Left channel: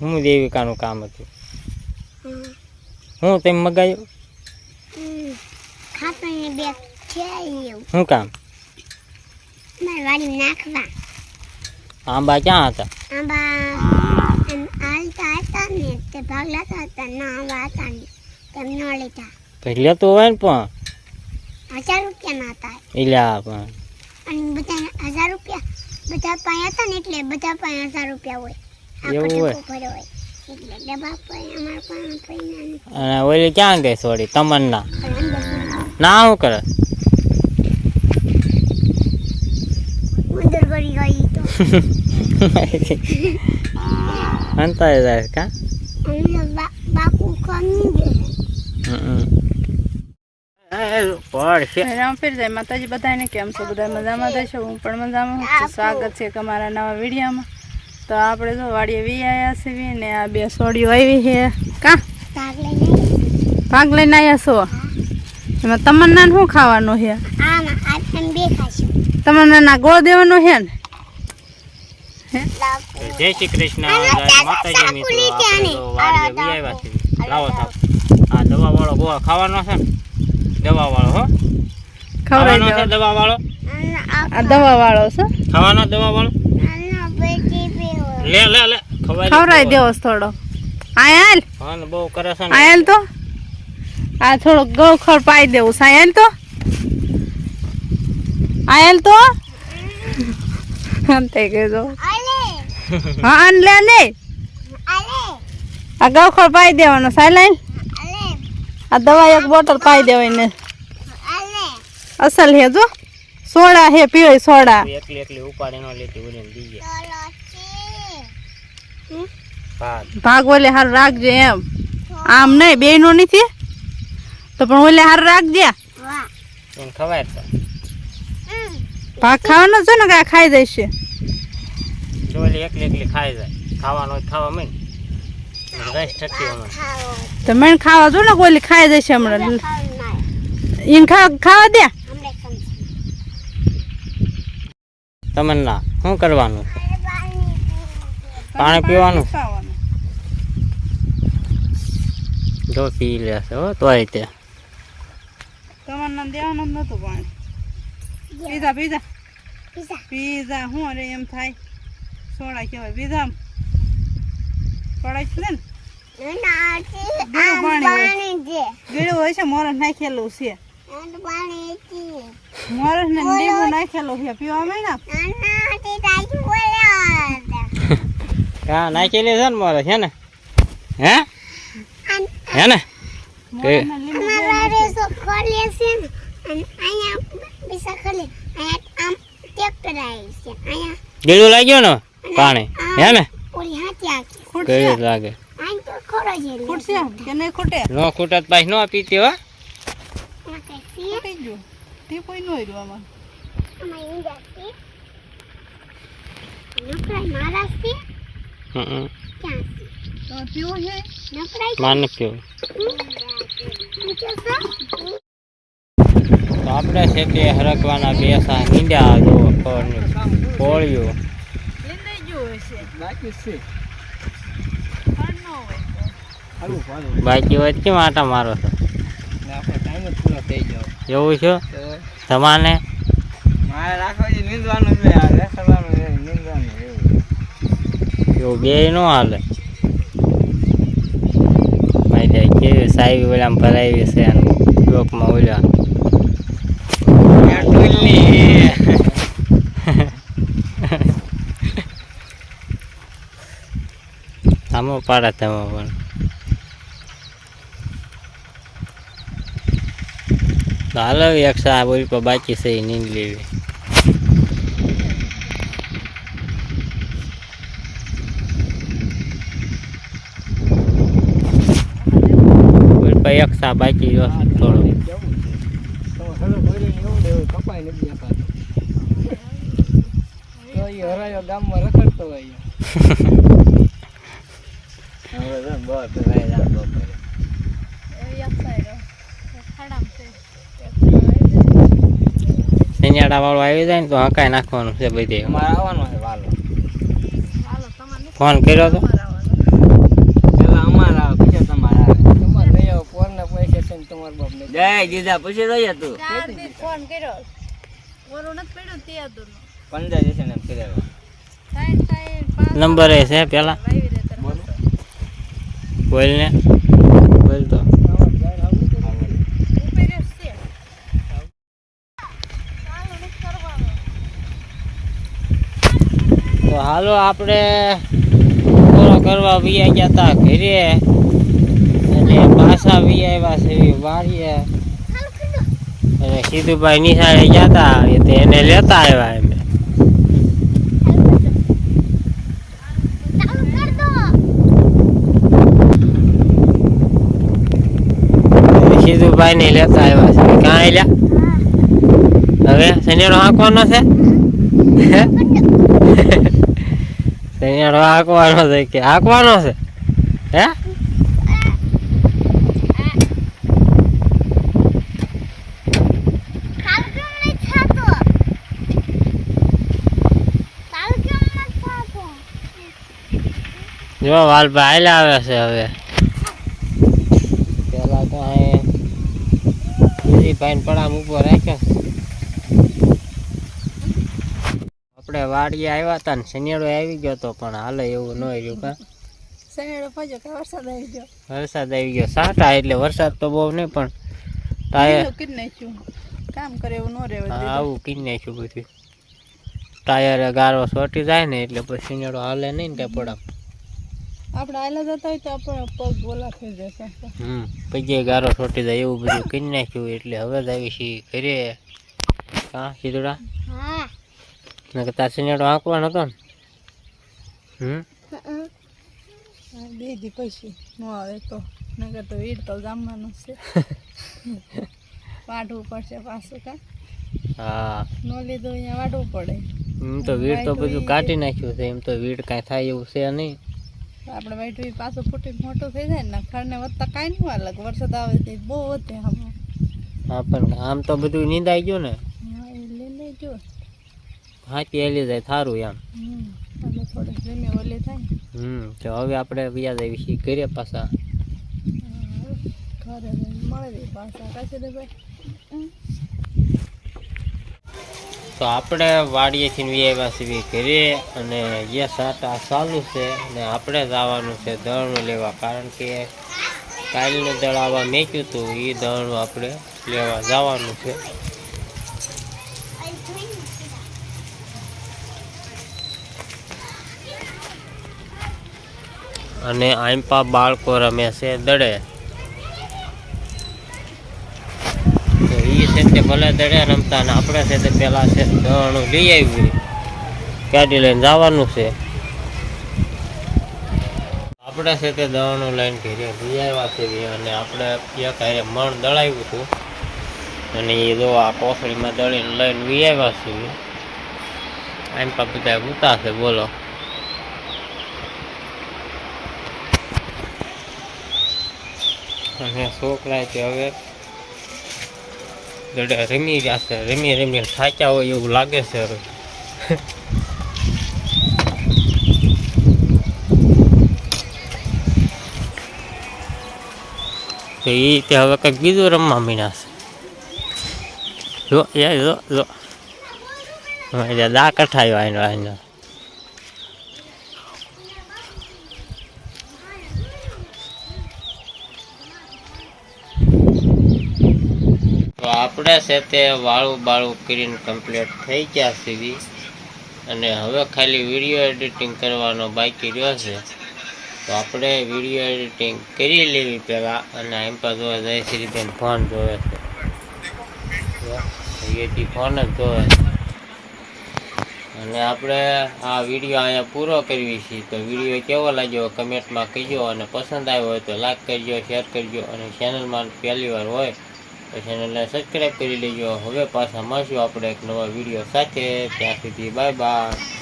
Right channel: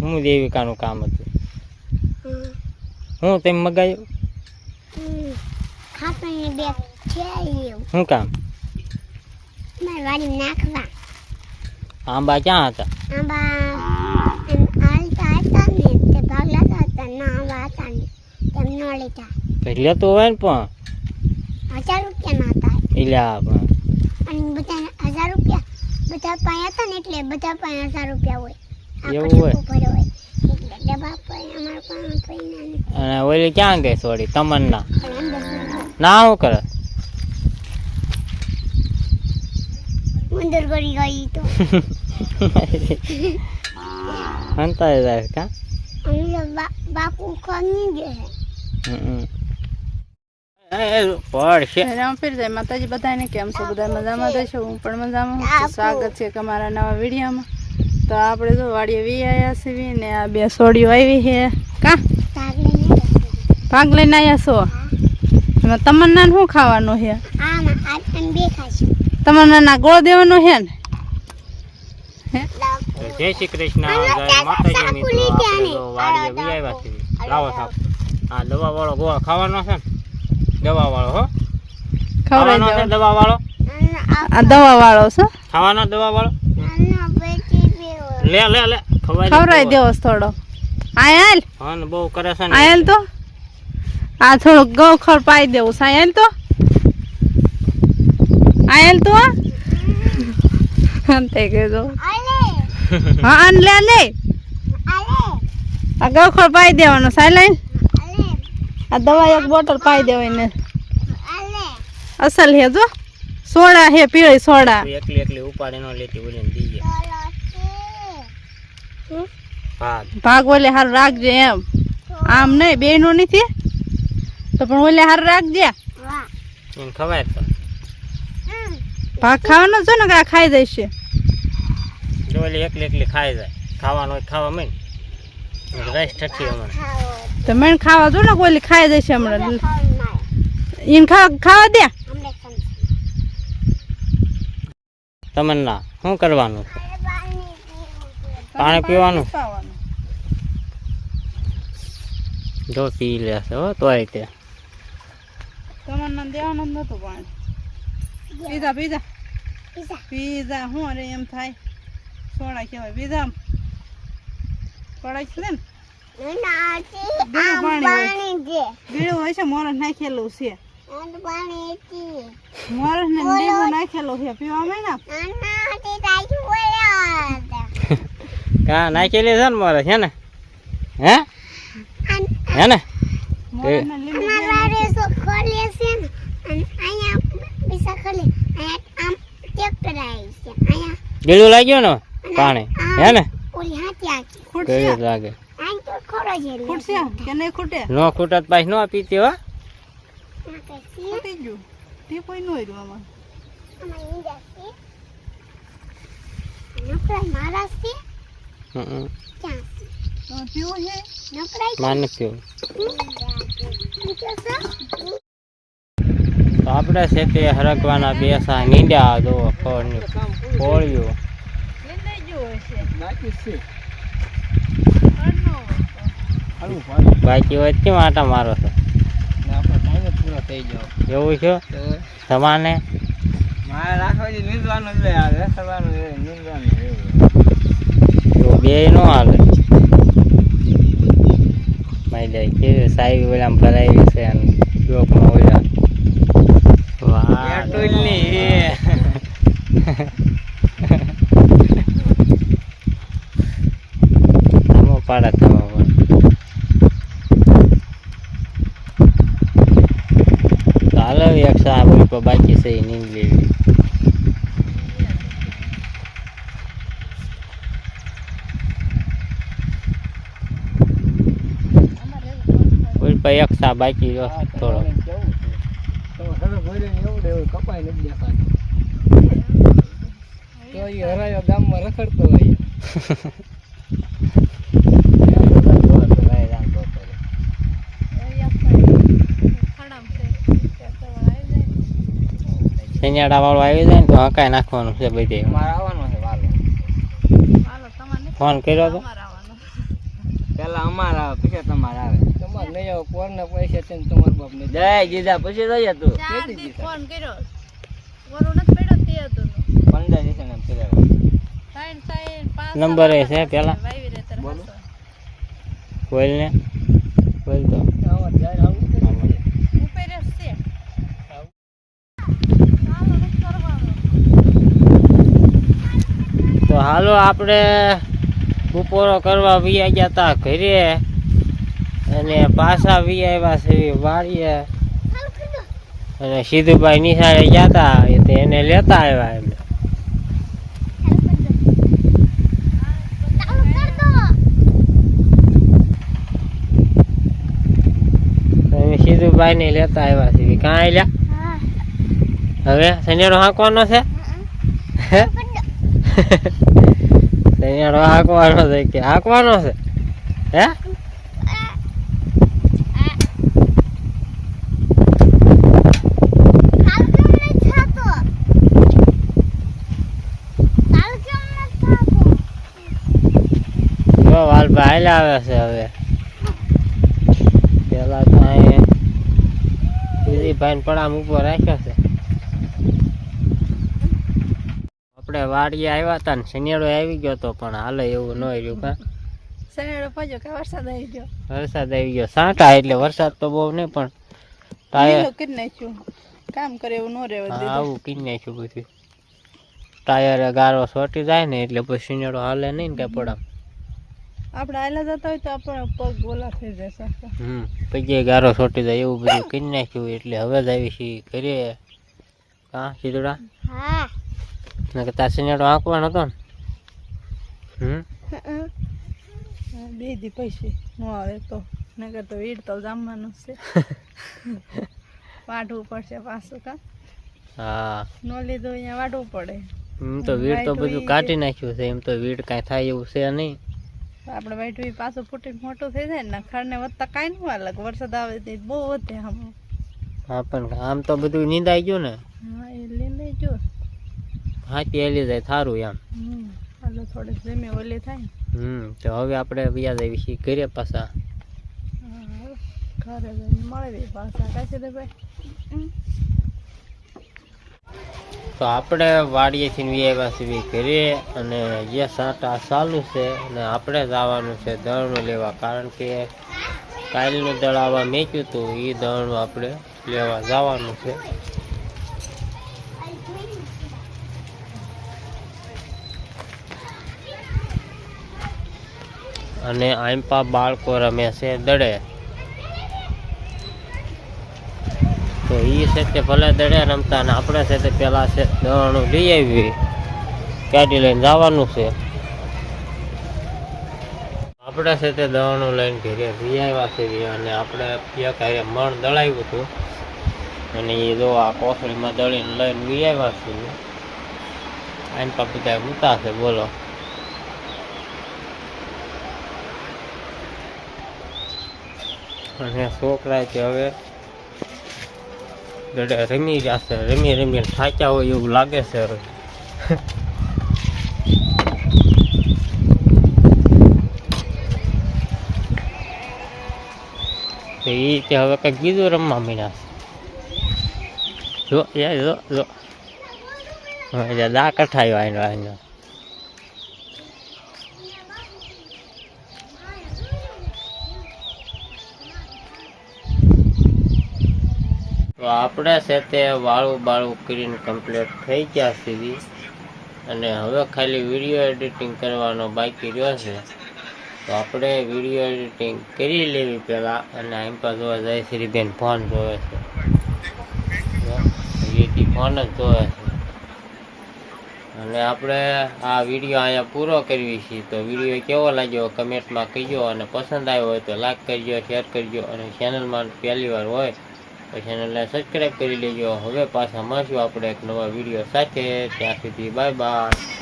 હું દેવિકાનું કામ હતું? હું તમે મગાયું? ખાતરની બેગ છે એવું. શું કામ? મારી વાડી નાખવા. આંબા ક્યાં હતા? આંબા હાલતા હતા ને તે ભાગ લેતા હતા. ના આંબા હતા ને તેમ ન લીધા. કંઈક લેતો હોય ને પણ 1000 રૂપિયાના હતા. એલા પણ અને બધા 1000 રૂપિયા બધા પાસે હતા ને એટલે બધા પાસે 1000 રૂપિયા હોય. એવું હોય? ભર્યો હોય એટલે ડબ્બા પર અમારા પાસે પૈસા નથી. અને ઓલી ક્યાં ગઈ સોરી તમન્ના? ના શું કરે? મંદિર કરી ગઈ તો હંતાઈ જાય કા? અમે બાપુ કમી દે. રામ ફેર જાય માતાજી બધાને કેમ છો? બધા મજામાં થશે? હું પણ મજામાં છું. સ્વાગત છે તમારા નવા વિડીયોમાં. તો આપણે જો વાડીએ વી આવ્યા છીએ ને આ બે સોડીઓ આવી છે. કા ભાગ લઈને આવ્યા છો? એમાં તમન્ના શું ખાવાનું છે? તમન્ના ગોળ દેવાનો છે ને? જય શ્રી કૃષ્ણ, જય માતાજી મિત્રો. આપણે તો વાડીએ વી આવ્યા છીએ. લાવો સાહેબ, આ દવા વાળો ગોળ ખાવાનો છે ને? દવા વાળો હો, ખવડાવી દેવો. દવા વાળો આ દવા વાળો છો? ખાવાનો દવા વાળો? લે લે લે ખવડાવી દેવો થોડો. આયાલ હન બહુ કરે છે ને. આયાલ તો આ થોડું ગૌખર પાઈ દેવું છે. આયાલ તો આયાલ તો અંતે કહેજો. હા આન લે લે આ ગૌખર પાઈ દેવાનો. સાયલાઈન આ દવા એક બોટલ પાઈ દેવાય ને. અસલ હે જો સોડા હે પીળી સોડા. એકલી એકલી ઉપાડી નો લેતી બોલીને દીજે. ભાગ ઓલે હાર રાખજે એમ. આમ નહીં બે નો નથી તો પણ ઓલે હાર રાખજે. એને ખવાય પણ ભાગ ખાવાનો છે ને કે આ ખાઈ જશે? જો ઓલી એકલી એકલી ખાઈ જાય. ખાવાનું હોય ખાવા માંડ રસ ઠઠી હમણાં. તો મને ખાવા જો ને ઓલી ખાઈ જશે હમણાં. એને ખાવા દે. તમન્ના શું કરવાનું છે? પાણી પીવાનું? જો પી લેશે હો તોય તે. તમન્ના દેવાનું જ નતું પાણી. પીઝા પીઝા પીઝા શું અરે એમ થાય સોડા કહેવાય. પીઝા પડાય છે ને ગીળું હોય છે. મોરસ નાખેલું છે. મોરસ ને લીંબુ નાખેલું છે. પીવા માંડ હા નાખેલી છે ને મારે છે ને? હે હે ને? ગીલું લાગ્યું ને પાણી? હે ને? ગીલું લાગે. ખૂટશે કે નહીં ખૂટે? નો ખૂટત પાછી નો પીતી હો. ખૂટી ગયું તે કોઈ નો રહ્યું માન પીવું. તો આપણે છે તે હરકવાના બેસા નીંડા જો ફળની ફોળીઓ બાકી હોય કેમ આટા મારો છો? એવું છે તમારે? મારે રાખવા નીંદવાનું છે. નીંદવાનું એવું બે નો હાલે. ભાઈ જાય કેવી સાહેબ ઓલામ ભરાવી છે લોકમાં ઓલા આમો પાડે તમે પણ. હાલો એક સાહેબ ઓલી પર બાકી છે એ નીંદ લેવી. એક સા બાકી થોડો કપાઈ નથી હરાયો ગામમાં રખડતો હોય. શનિયાળા વાળો આવી જાય ને તો હકાઈ નાખવાનું છે બધે. આવવાનું છે. ફોન કર્યો તો પૈસા તમારે આવે તમારે લઈ આવો પોરના પૈસા છે ને તમારા બાપ ને જય દીધા પછી લઈ તું ફોન કર્યો વરો નથી પડ્યો તે હતું 15 જશે ને કર્યા નંબર એ છે પેલા બોલો બોલ ને બોલ તો તો હાલો આપણે બપોરો કરવા વિયા ગયા હતા ઘરે અને પાછા વિયા આવ્યા છે વાડીએ અને સીધુભાઈ નિશાળે ગયા હતા એને લેતા આવ્યા એમ સીધુભાઈ ને લેતા આવ્યા છે ક્યાં આવ્યા હવે શનિવારો હાંકવાનો છે શનિવારો હાંકવાનો છે કે હાંકવાનો છે હે જો વાલભાઈ આવે છે હવે પેલા તો ભાઈ પડામ ઉપર રાખ્યો છે આપણે વાડીએ આવ્યા હતા ને શનિવારો આવી ગયો તો પણ હાલે એવું ન રહ્યું કા શનિવારો પહોંચ્યો કે વરસાદ આવી ગયો સાંટા એટલે વરસાદ તો બહુ નહીં પણ ટાયર કરી નાખ્યું કામ કરે એવું ન રહેવું આવું કરી નાખ્યું બધું ટાયરે ગારો સોટી જાય ને એટલે પછી શનિવારો હાલે નહીં ને કઈ પડામ આપણે આયલા જતા હોય તો આપણો પગ ગોલા થઈ જશે પગે ગારો છોટી જાય એવું બધું કરી નાખ્યું એટલે હવે જ આવી છીએ ઘરે હા સીધુડા નકર તાર શનિવારો આંકવાનો હતો ને બે દી પછી ન આવે તો નકર તો વીડ તો જમવાનું છે વાઢવું પડશે પાછું કા હા ન લીધું અહીંયા વાઢવું પડે એમ તો વીડ તો બધું કાઢી નાખ્યું છે એમ તો વીડ કાંઈ થાય એવું છે નહીં આપણે વાઈટ પાછું ફૂટીને મોટું થઈ જાય ને ખડને વધતા કાંઈ નહીં વાર લાગે વરસાદ આવે તો બહુ વધે આમ હા પણ આમ તો બધું નીંદાઈ ગયું ને હા એ લઈને જો હાથી એલી જાય થારું એમ એટલે થોડીક જમે ઓલી થાય તો હવે આપણે વ્યાજ આવી છીએ ઘરે પાછા ઘરે જઈને મળી પાછા કાશે તો ભાઈ તો આપણે વાડીએથી આવ્યા છીએ ઘરે અને જે સાટા ચાલુ છે અને આપણે જવાનું છે દળનું લેવા કારણ કે કાલનું દળ આવવા મેક્યું હતું એ દળનું આપણે લેવા જવાનું છે અને આંપા બાળકો રમે છે દડે તો એ છે તે ભલે દડે રમતા ને આપણે છે તે પેલા છે દળનું લઈ આવી ગાડી લઈને જવાનું છે આપણે છે તે દળનું લઈને ઘરે લઈ આવ્યા છે અને આપણે એક હારે મણ દળાવ્યું હતું અને એ જો આ કોસળીમાં દળીને લઈને લઈ આવ્યા છે આમ પા બધા ઉતા છે બોલો અને છોકરા છે હવે દડે રમી જશે રમી રમીને થાક્યા હોય એવું લાગે છે હવે તો એ તે હવે કંઈક બીજું રમવા મીના છે જો દા કઠાયો આનો તો આપણે છે તે વાળું બાળું કરીને કમ્પ્લીટ થઈ ગયા સુધી અને હવે ખાલી વિડીયો એડિટિંગ કરવાનો બાકી રહ્યો છે તો આપણે વિડીયો એડિટિંગ કરી લેવી પહેલાં અને એમ પર જોવા જાય શ્રીબેન ફોન જોવે છે એથી ફોન જ જોવે છે અને આપણે આ વિડીયો અહીંયા પૂરો કરવી છીએ તો વિડીયો કેવો લાગ્યો કમેન્ટમાં કહેજો અને પસંદ આવ્યો હોય તો લાઈક કરજો શેર કરજો અને ચેનલમાં પહેલી વાર હોય તો ચેનલને સબસ્ક્રાઈબ કરી લેજો હવે પાછા મળશું આપણે એક નવા વિડીયો સાથે ત્યાં સુધી બાય બાય